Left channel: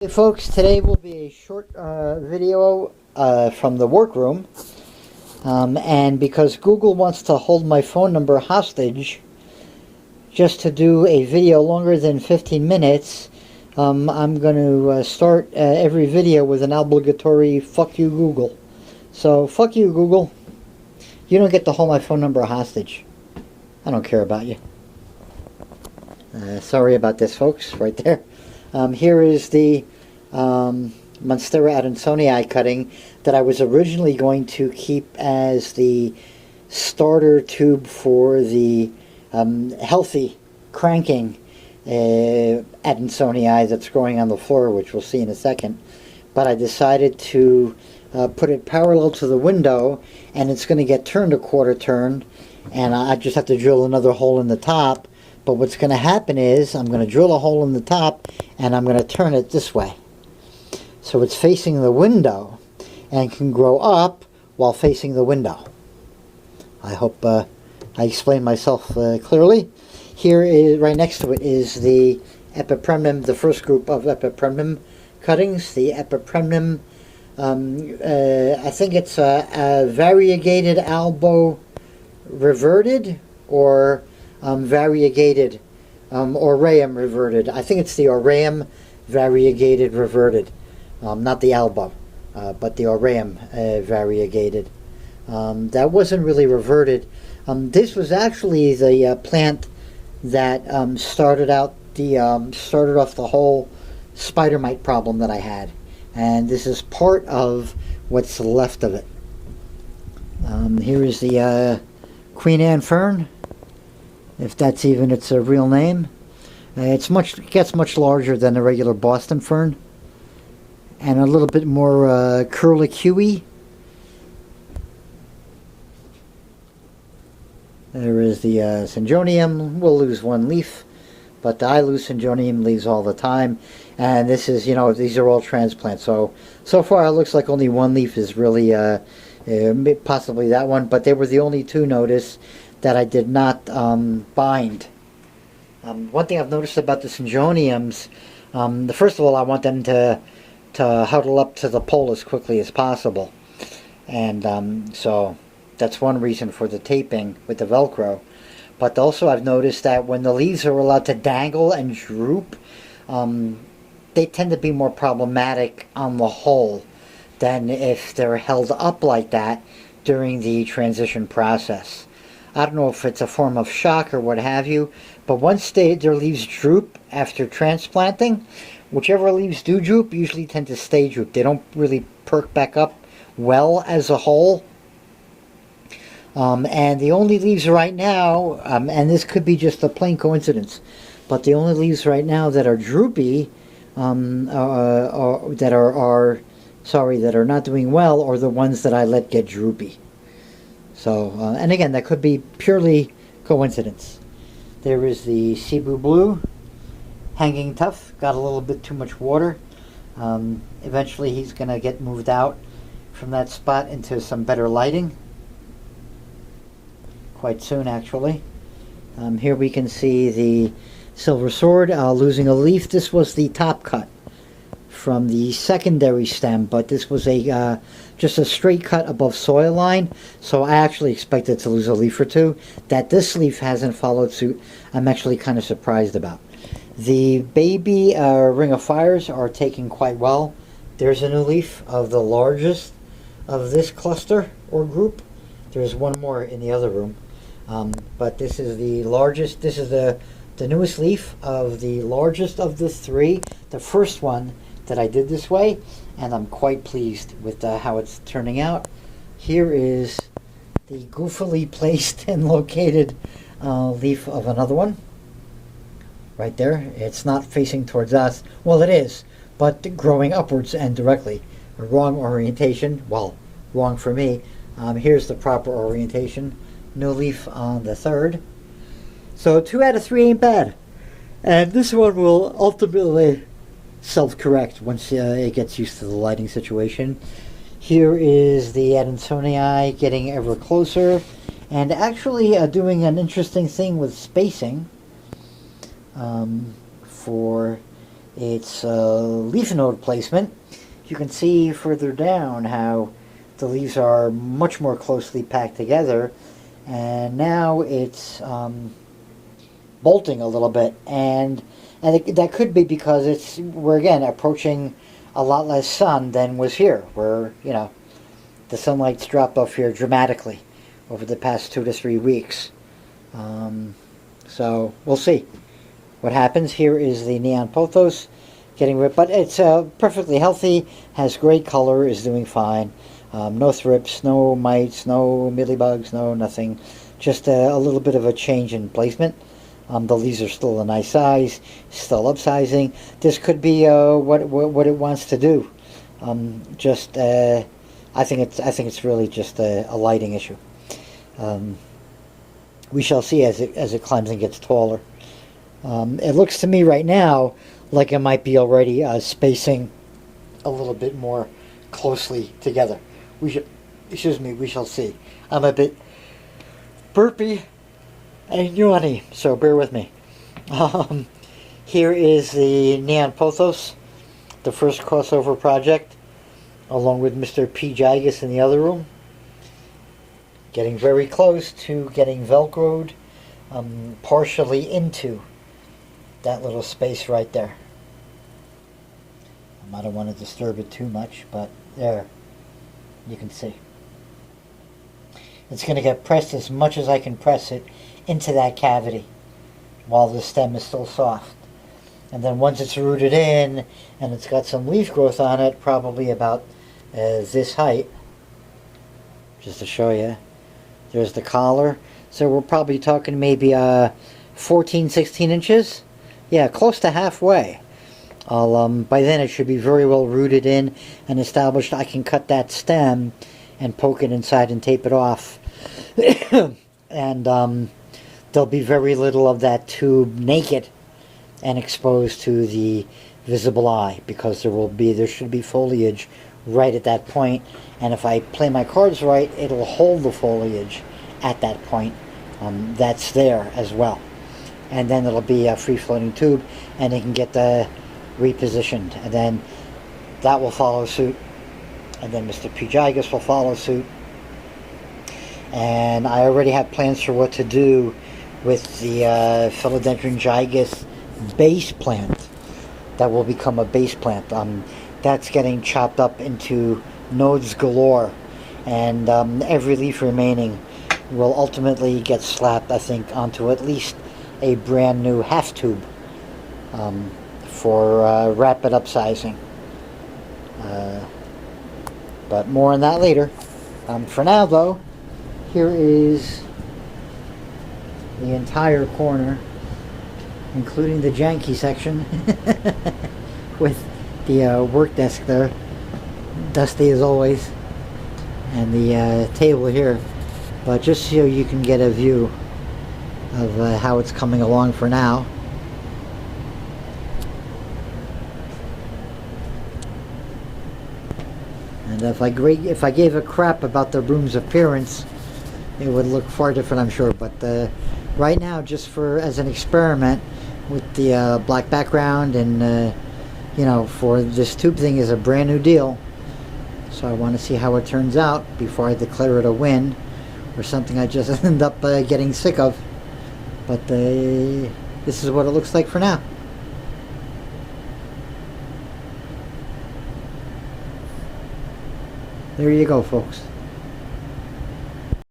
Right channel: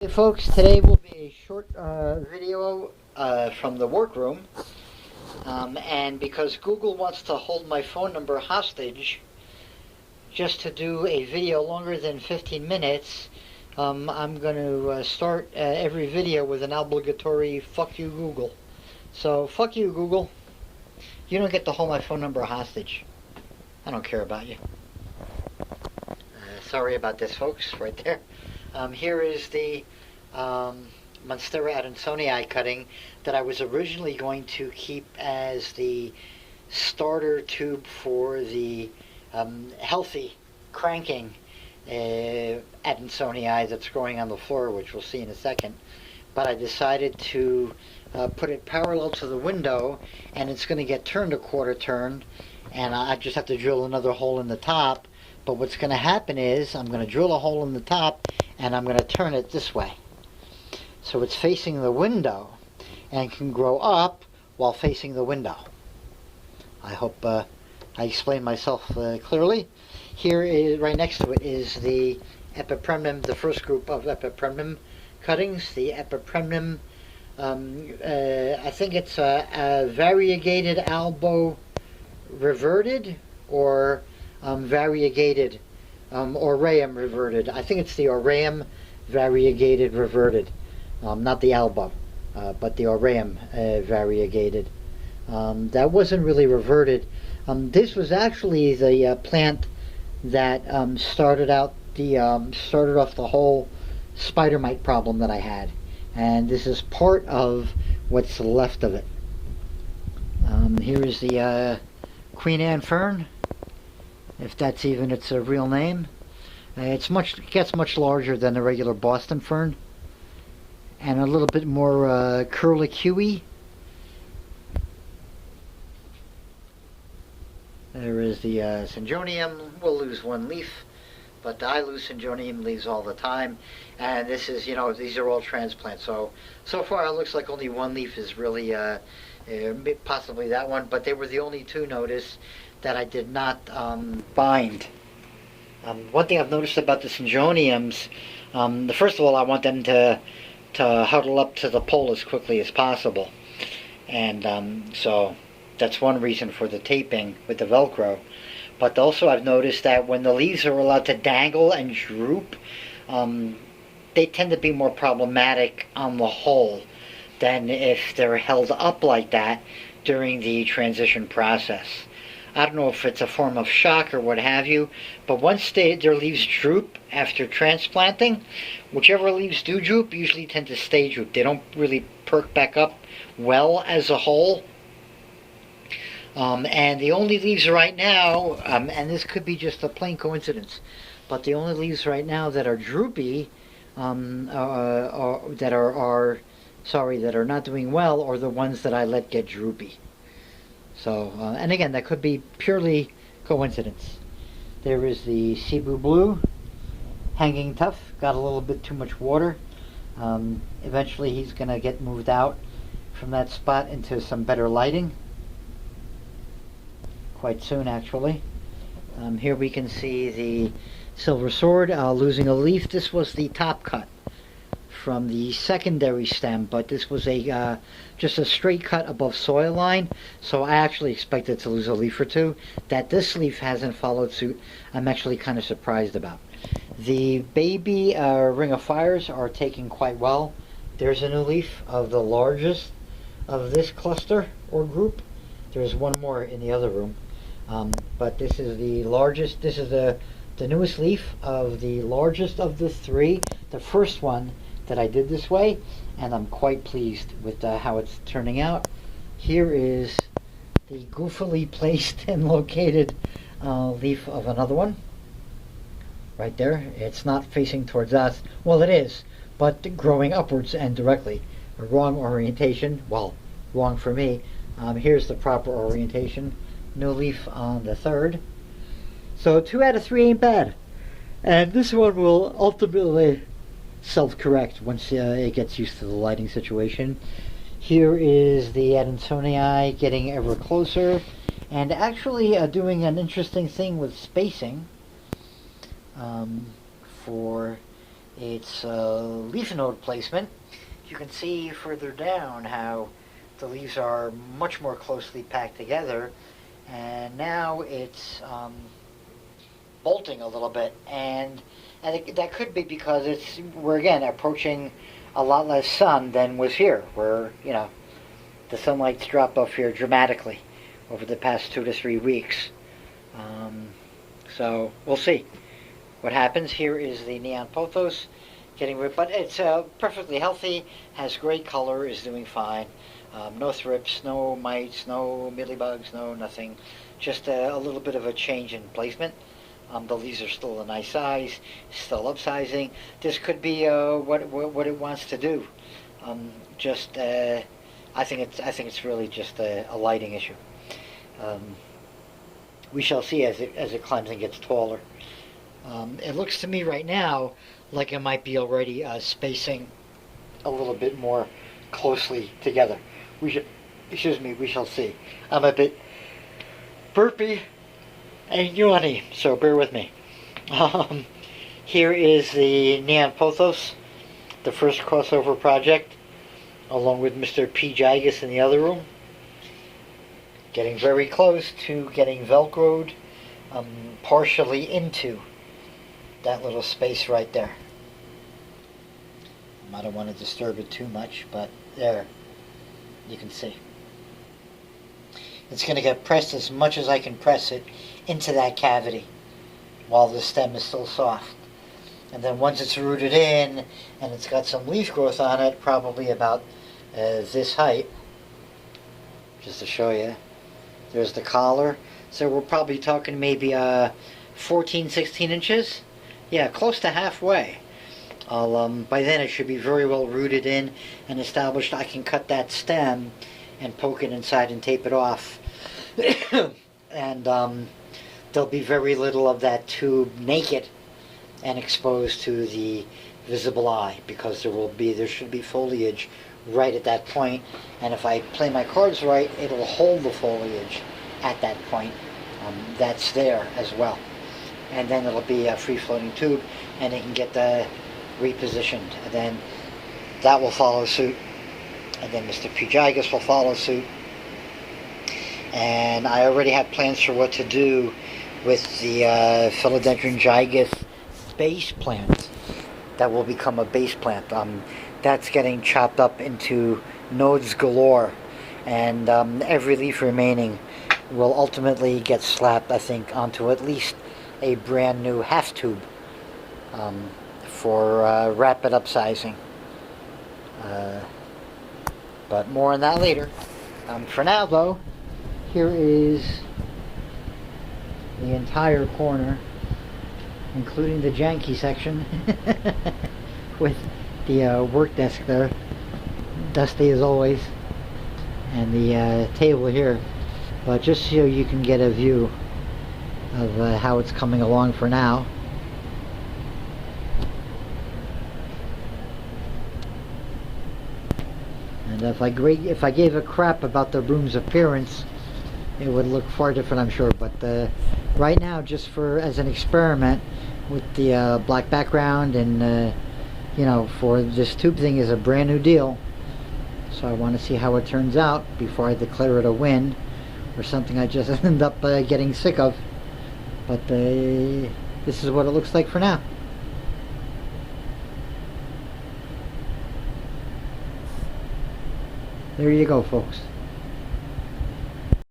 Hey folks, today will be a short video from the workroom, and because Google wants to hold my phone number hostage just to do a video longer than 15 minutes, I'm going to start every video with an obligatory fuck you Google. So fuck you Google, you don't get to hold my phone number hostage. I don't care about you. Sorry about this folks, right there. Here is the Monstera adansonii cutting that I was originally going to keep as the starter tube for the healthy cranking adansonii that's growing on the floor, which we'll see in a second. But I decided to put it parallel to the window, and it's going to get turned a quarter turn, and I just have to drill another hole in the top. But what's going to happen is I'm going to drill a hole in the top and I'm going to turn it this way. So it's facing the window and can grow up while facing the window. I hope I explained myself clearly. Here is, right next to it is the Epipremnum, the first group of Epipremnum cuttings. The Epipremnum, I think it's a variegated albo reverted, or variegated aureum reverted. I think it's the aureum variegated reverted, not the albo, but the aureum variegated. That wasn't really reverted. This was actually the plant that started off the whole spider mite problem that I had, and this is part of what's left of it. Here is the Queen Anne fern, if that's even its real name. It gets much larger than a regular Boston fern, and a little bit more curlicuey. There is the Syngonium. We'll lose one leaf, but I lose Syngonium leaves all the time. And this is, these are all transplants. So far it looks like only one leaf is really, possibly that one, but they were the only two, notice, that I did not bind. One thing I've noticed about the Syngoniums, first of all, I want them to huddle up to the pole as quickly as possible. And so that's one reason for the taping with the Velcro. But also I've noticed that when the leaves are allowed to dangle and droop, they tend to be more problematic on the whole than if they're held up like that during the transition process. I don't know if it's a form of shock or what have you, but once their leaves droop after transplanting, whichever leaves do droop usually tend to stay drooped. They don't really perk back up well as a whole. And the only leaves right now, and this could be just a plain coincidence, but the only leaves right now that are droopy, that are not doing well, are the ones that I let get droopy. So, and again, that could be purely coincidence. There is the Cebu Blue, hanging tough, got a little bit too much water. Eventually he's going to get moved out from that spot into some better lighting. Quite soon, actually. Here we can see the Silver Sword losing a leaf. This was the top cut from the secondary stem, but this was a just a straight cut above soil line, so I actually expected to lose a leaf or two. That this leaf hasn't followed suit, I'm actually kind of surprised about. The baby Ring of Fires are taking quite well. There's a new leaf of the largest of this cluster or group. There's one more in the other room, but this is the largest. This is the newest leaf of the largest of the three, the first one that I did this way, and I'm quite pleased with how it's turning out. Here is the goofily placed and located leaf of another one. Right there. It's not facing towards us. Well, it is, but growing upwards and directly. The wrong orientation. Well, wrong for me. Here's the proper orientation. New leaf on the third. So 2 out of 3 ain't bad. And this one will ultimately self-correct once it gets used to the lighting situation. Here is the Adansonii getting ever closer, and actually doing an interesting thing with spacing for its leaf node placement. You can see further down how the leaves are much more closely packed together, and now it's bolting a little bit, and that could be because we're again approaching a lot less sun than was here, where the sunlight's dropped off here dramatically over the past 2 to 3 weeks. So we'll see what happens. Here is the neon pothos getting ripped, but it's perfectly healthy, has great color, is doing fine. No thrips, no mites, no mealybugs, no nothing. Just a little bit of a change in placement. The leaves are still a nice size, still upsizing. This could be what it wants to do. I think it's really just a lighting issue. We shall see as it climbs and gets taller. It looks to me right now like it might be already spacing a little bit more closely together. We shall see. I'm a bit burpy and yawny, so bear with me. Here is the Neon Pothos, the first crossover project, along with Mr. P. Gigas in the other room. Getting very close to getting Velcroed partially into that little space right there. I don't want to disturb it too much, but there, you can see. It's going to get pressed as much as I can press it into that cavity while the stem is still soft. And then once it's rooted in and it's got some leaf growth on it, probably about this height, just to show you, there's the collar. So we're probably talking maybe 14, 16 inches. Yeah, close to halfway. By then it should be very well rooted in and established. I can cut that stem and poke it inside and tape it off. And there'll be very little of that tube naked and exposed to the visible eye, because there should be foliage right at that point, and if I play my cards right, it'll hold the foliage at that point. That's there as well, and then it'll be a free-floating tube, and it can get repositioned, and then that will follow suit, and then Mr. P. Gigas will follow suit. And I already have plans for what to do with the Philodendron gigas base plant that will become a base plant. That's getting chopped up into nodes galore, and every leaf remaining will ultimately get slapped, I think, onto at least a brand new half tube for rapid upsizing. But more on that later. For now, though, here is the entire corner, including the janky section, with the work desk there, dusty as always, and the table here. But just so you can get a view of how it's coming along for now. And if I gave a crap about the room's appearance, it would look far different, I'm sure. But right now, just as an experiment with the black background, and for this tube thing is a brand new deal. So I want to see how it turns out before I declare it a win, or something I just end up getting sick of. But this is what it looks like for now. There you go, folks.